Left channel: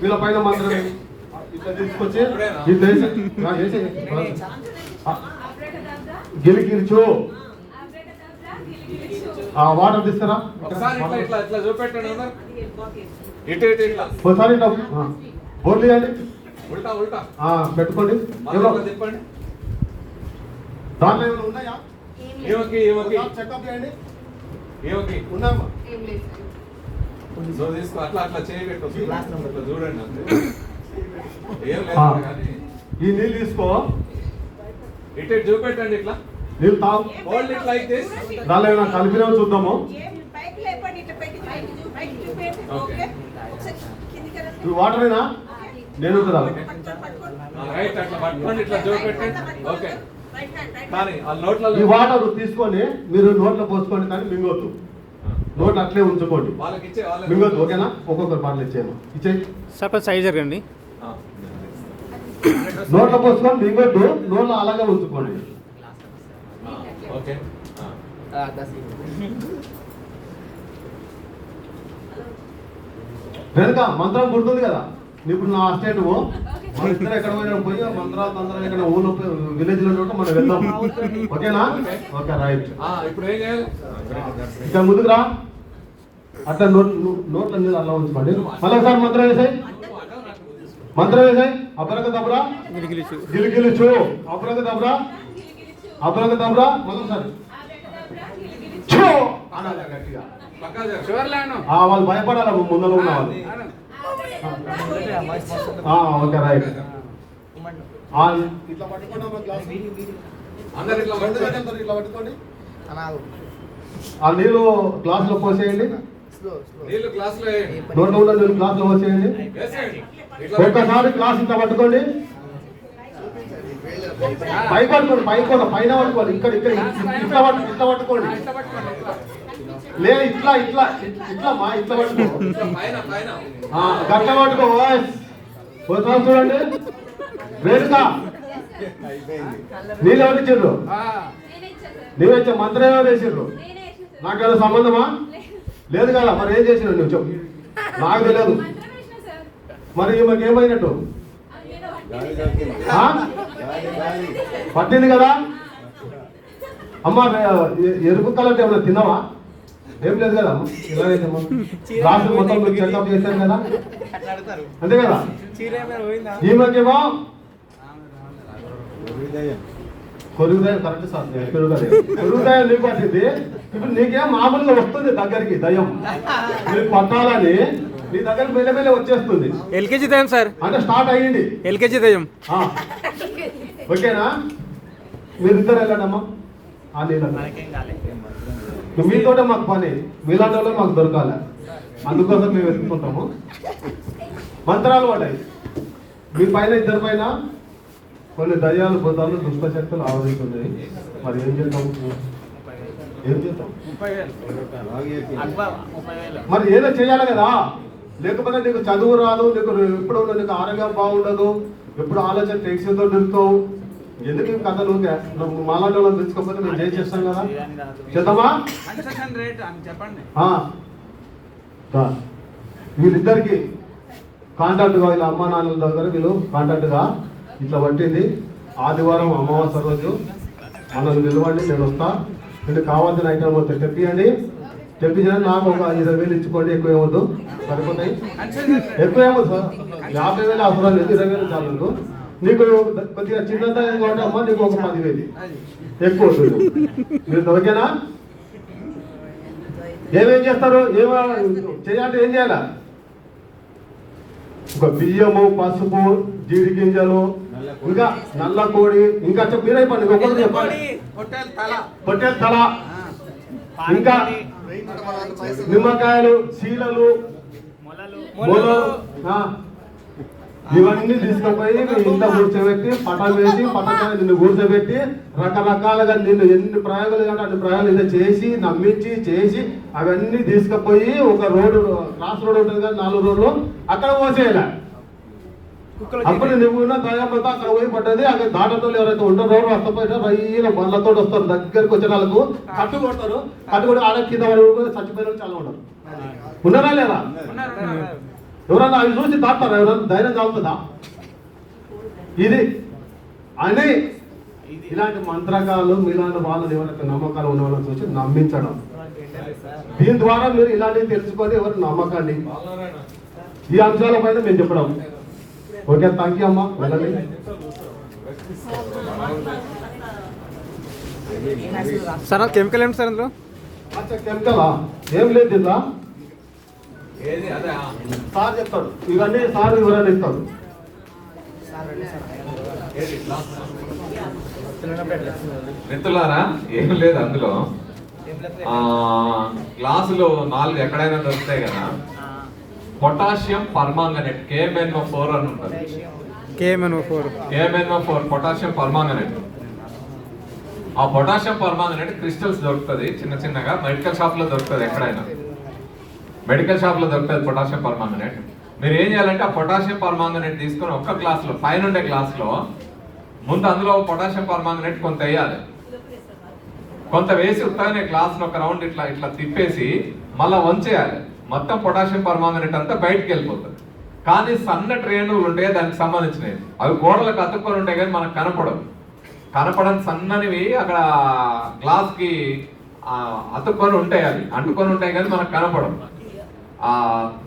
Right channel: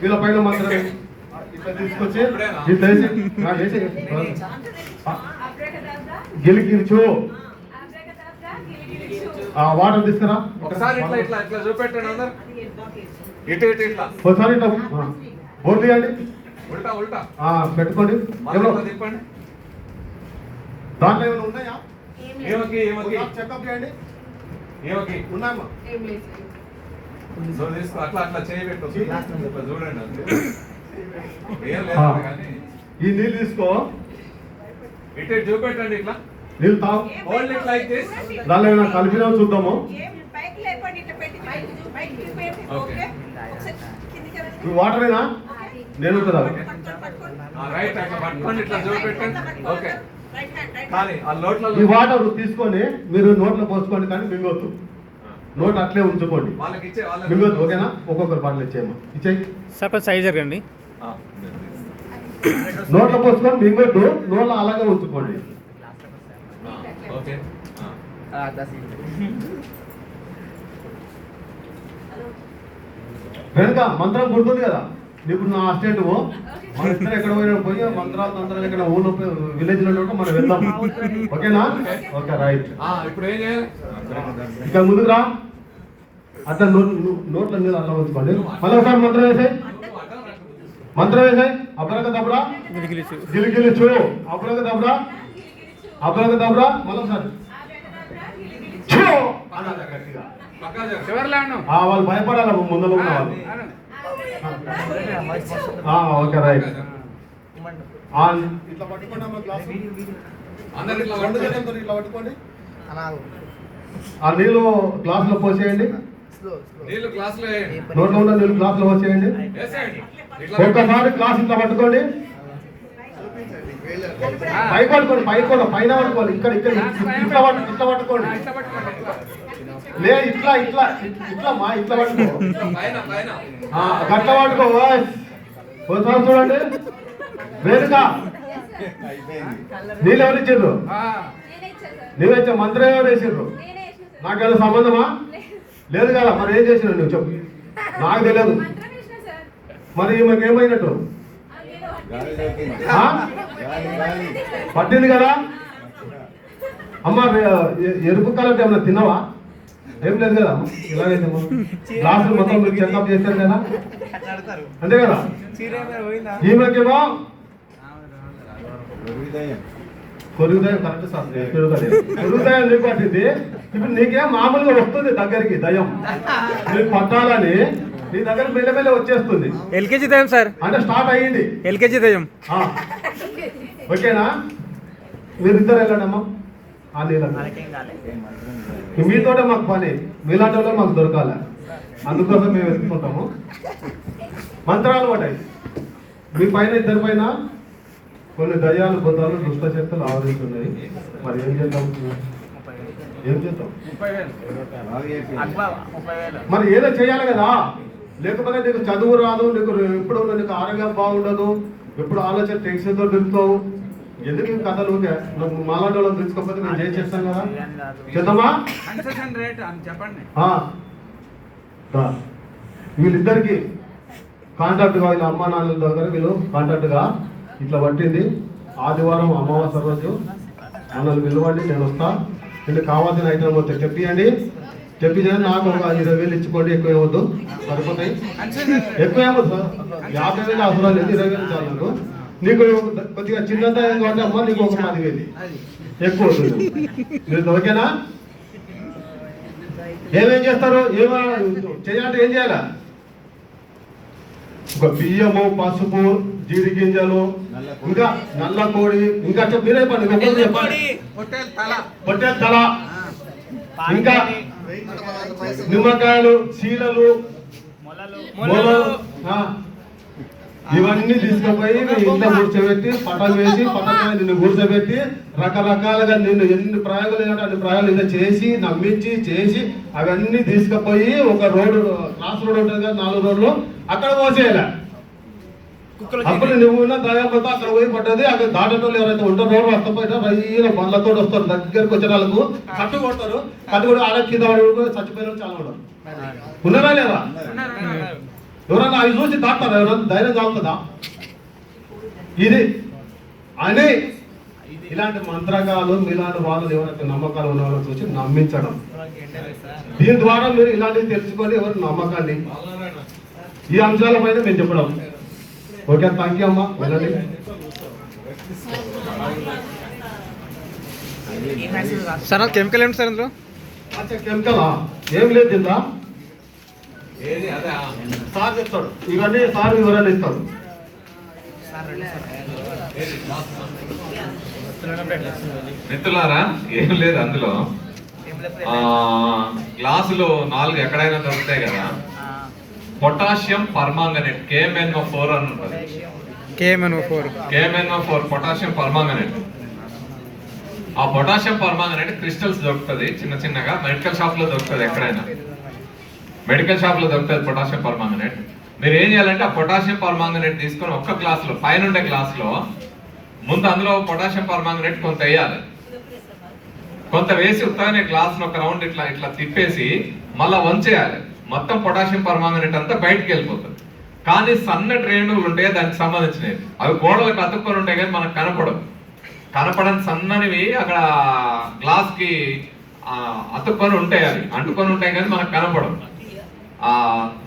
వీళ్ళ పైన మాత్రమే ఇట్లా తీసుకొచ్చి గిలికిలిచు వాటర్ తీసుకురా ఒకసారి ఇట్లా చూపెట్టండి అందరు ఇట్లా ఒకసారి ఇట్లా బోర్లు ఇవ్వండి ఉల్టా ఉల్టా పెట్టుకోండి చెప్పండి దాంట్లో ఏమైనా ఉన్నాయా ఏమకి చెకప్ చేయండి ఏమకి ఉన్నామా తీసుకో అట్లా చేయబెట్టు చూడండి ఈ నీళ్ళు తీసుకో ఇటు చూపెట్టండి ఇట్లా నీళ్ళు తాగు దానిలో ఏమైనా కలిపినా చూద్దాము ఈ వాటరేనా నేను కదా రైట్ అట్లా పట్టుకోండి ఇట్లా చూపెట్టండి ఓకే ఈ వాటర్ తీసుకొని మీరు నోట్లో పోసుకోండి కానీ మింగొద్దు నోట్ అట్లే ఉంచుకోండి మింగొద్దు ఓకేనా ఒక్కొక్కరు బాటిల్ ఇచ్చేయమ్మా ఇచ్చేయి సార్ సైజ్ జరగండి నోట్లో పోసుకొని మింగొద్దు నోట్లో అలాగే ఉంచుకోండి వెనుక మంత్రం గుర్తుంది కదా ఇప్పుడు నా స్టేట్ ఎక్కడ పోయి మంత్రాలు ఎక్కడ ఊళ్ళో విలేజ్ లో మనం వెళ్దాం ఓకేనా ఓకే రైట్ ఇప్పుడు ఏం చేయాలి ఇక్కడ ముందుకు రా అట్లా నోట్ల మీద అలా ఉంచుకోండి మళ్ళీ ఒకసారి మంత్రం వేసాయి అబ్రక దబ్రా గిలిగిలిచు అబ్రక దబ్రా మళ్ళీ ఒకసారి వాళ్ళు భయపడాలి ముందులో ఉన్న వాళ్ళు ఓకే రైట్ ఇట్లా పట్టుకోండి ఆ నీళ్ళు గ్లాస్ లో పోసేయండి నోట్లో ఉన్న నీళ్ళు గ్లాస్ లో పోసేయండి ఒక్కసారి గ్లాస్ ఇంత పట్టుకోండి పైకి పట్టుకోండి పైన పట్టుకోండి ఇక్కడ ఇట్లా పట్టుకోండి లే ఇట్లా పట్టుకో గట్ల పట్టుకో ఒకసారి చూడండి వేరుగా నీళ్ళు ఎవరు ఇచ్చిండ్రు నీవే మంత్రం ఎవరు వేసిండ్రు నాకు ఏదో సంబంధమా లేదు కదా మరి ఏం చేసినావు నువ్వు చెప్పు నాకు తెలియదు మరి ఈమెకి ఏమైనట్టు పట్టింది కదా అమ్మ ఎరుపు కలర్ ఏమన్నా తిన్నావా ఏం లేదు కదా ఇలాగైతే క్లాసులు మొత్తం చెకప్ చేశారు కదా అంతే కదా ఈమెకేమో కొరుగుదయం కరెక్ట్ సార్ కొరుగుదయం నీకు పట్టింది ఇప్పుడు నీకేం మామూలుగా వస్తుంది దగ్గరికి దయం నీకు పట్టాలని నీ దగ్గర మెల్లమెల్ల వచ్చేస్తుంది ఎల్కేజీ దయం సార్ అంటే స్టార్ట్ అయ్యింది ఎల్కేజీ దయం ఓకేనా మీరిద్దరు వెళ్ళండమ్మా ఆ నీళ్ళ మీతోటే మాకు పని మీలాంటి వాళ్ళే మాకు దొరకాలి అందుకోసం మేము వెతుకుంటాము మంత్రాలు పడ్డాయి మీ పైన ఇద్దరి పైన కొన్ని దయ్యాలు భూతాలు దుష్ట శక్తులు ఆవరిస్తున్నాయి మరి ఏం చేద్దాం మరి ఏదో చేయాలి కదా లేకపోతే నీకు చదువు రాదు నీకు ఎప్పుడు నీకు ఆరోగ్యం బాగుండదు ఎప్పుడు ఆలోచన టెన్షన్తో నిలుపుతావు ఎందుకు కథలు మాలాంటి వాళ్ళు తెచ్చుకోకపోతే మేము చేసేస్తాం కదా చేద్దామా వీళ్ళిద్దరికి కాంటాక్ట్గా వీళ్ళ అమ్మా నాన్నల దగ్గర వీళ్ళు కాంటాక్ట్గా ఇట్లా పట్టింది ఆదివారం అమావాస్య రోజు మనల్ని పిలవండి నేను వస్తా నేను కావాల్సిన ఐటమ్ మొత్తం తెప్పియండి నాకు ఒక 20,000 ఇచ్చుకోండి ఎక్కువ ఏమొద్దు సరిపోతాయి ఎక్కువ ఏమొద్దు 50,000 అవసరం లేదు 20,000 చాలు నీకు కొద్దిగా చిన్నదా అమ్మా నీకు ఒక 10,000 ఎక్కువ మీరు ఓకేనా ఏమేం చేస్తారు చేయాలంటే ఏం చేయాలా ఒక బియ్యము పసుపు జీడి గింజలు ఇంకా నల్ల కోడి ఇంకా మీరే పండి పొట్టేల తల ఇంకా నిమ్మకాయలు శీలలు ఇవన్నీ తీసుకుపోయి ఇంట్లో కూర్చోబెట్టి పటాలు వేసి పట్టకాయ నిన్ను కూర్చోబెట్టి రకరకాలుగా నిన్ను ఎన్ని ప్రయోగాలు అంటే అన్ని ప్రయోగాలు ఇలా చేసి నమ్మించి చేసి అవన్నీ తీసుకుపోయి ఒక రోడ్డు క్రాస్ రోడ్ ఉంటుంది కదా 4 రోడ్లు అక్కడ పోసేయాలి అప్పుడు నువ్వు ఉన్న దయాపోతే అక్కడ పోయి పడ్డది. అక్కడ దాటోళ్ళు ఎవరైతే ఉంటారో రక్తపోయినా రైన బండ్లతో వస్తారు, దగ్గరకు వచ్చిన వాళ్ళకు కట్టు కొడతారు. కట్టు కొట్టి ఆడ కింద చచ్చిపోయిన వాళ్ళు చాలా ఉన్నారు. ఉన్నారా లేదా? ఎవరన్నా అవి చూసి దాటారా? ఎవరన్నా ధైర్యం చాలుతుందా? ఇది అని ఇలాంటి మంత్రకాలు మీలాంటి వాళ్ళు ఎవరైతే నమ్మకాలు ఉన్న వాళ్ళని చూసి నమ్మించడం. దీని ద్వారా మీరు ఇలాంటివి తెలుసుకొని ఎవరి నమ్మకాన్ని ఈ అంశాలపైన మేము చెప్పడం. ఓకే, థ్యాంక్ యూ అమ్మా. వెళ్ళండి. సార్ కెమికల్ ఏంటి సార్ అందులో? అచ్చా, కెమికలా? ఏం లేదు ఇందా ఏది అదే సార్ చెప్తాడు. ఇవన్నీ సార్ వివరాలు ఇస్తాడు. ఏది మిత్రులారా, ఏం లేదు అందులో. గ్లాసులో 4 ఎక్కడైనా దొరుకుతాయి కదా. పొటాషియం పర్మాంగనేట్ KMnO4 అని ఉంటుంది. KMnO4 potassium permanganate. ఆ పొటాషియం పర్మాంగనేట్ క్రిస్టల్స్ దొరుకుతుంది చిన్న చిన్నగా. మెడికల్ షాప్ లో దొరుకుతుంది, ఎక్కడైనా మెడికల్ షాప్ లో దొరుకుతుంది పొటాషియం పర్మాంగనేట్. మీరు ఏం చేయాలంటే ఆ పొటాషియం పర్మాంగనేట్ తీసుకొని ఒక్క గ్లాస్ లో, పైన ఉండే గ్లాస్ లో ముందు అందులో పొటాషియం పర్మాంగనేట్ కొంత వేయాలి. కొంత వేసి ఉత్తగానే గ్లాస్ ఒక రౌండ్ ఇట్లా ఇట్లా తిప్పేసి మళ్ళా వంచేయాలి. మొత్తం పొటాషియం పర్మాంగనేట్ అంతా బయటకు వెళ్ళిపోతుంది. కానీ సన్నటి రేణువులు ఉంటాయి దానికి సంబంధించినవి, అవి గోడలకు అతుక్కొని ఉంటాయి కానీ మనకు కనపడని సన్ననివి అక్కడ గ్లాస్ కి అతుక్కొని ఉంటాయి, అవి అంటుకొని ఉంటాయి కానీ మనకు కనపడవు.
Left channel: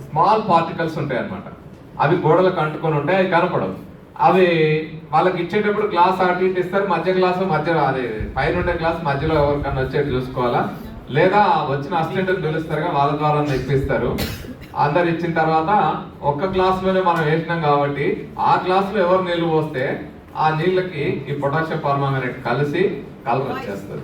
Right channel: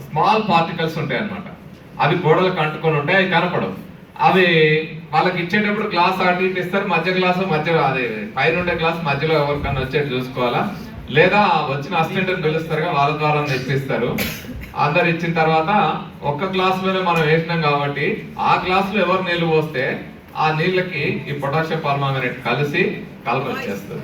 స్మాల్ పార్టికల్స్ ఉంటాయి అన్నమాట. అవి గోడలకు అంటుకొని ఉంటాయి, అవి కనపడవు. అవి వాళ్ళకి ఇచ్చేటప్పుడు గ్లాస్ అటు ఇటు ఇస్తారు. మధ్య గ్లాసు అది పైన ఉండే గ్లాస్ మధ్యలో ఎవరికన్నా వచ్చేది చూసుకోవాలా. లేదా వచ్చిన అసిస్టెంట్ పిలుస్తారు, వాళ్ళ ద్వారా తెప్పిస్తారు. అందరు ఇచ్చిన తర్వాత ఒక్క గ్లాసులోనే మనం వేసినాం కాబట్టి ఆ గ్లాసులో ఎవరు నీళ్లు పోస్తే ఆ నీళ్ళకి ఈ పొటాషియం పర్మాంగనేట్ కలిసి కలర్ వచ్చేస్తుంది.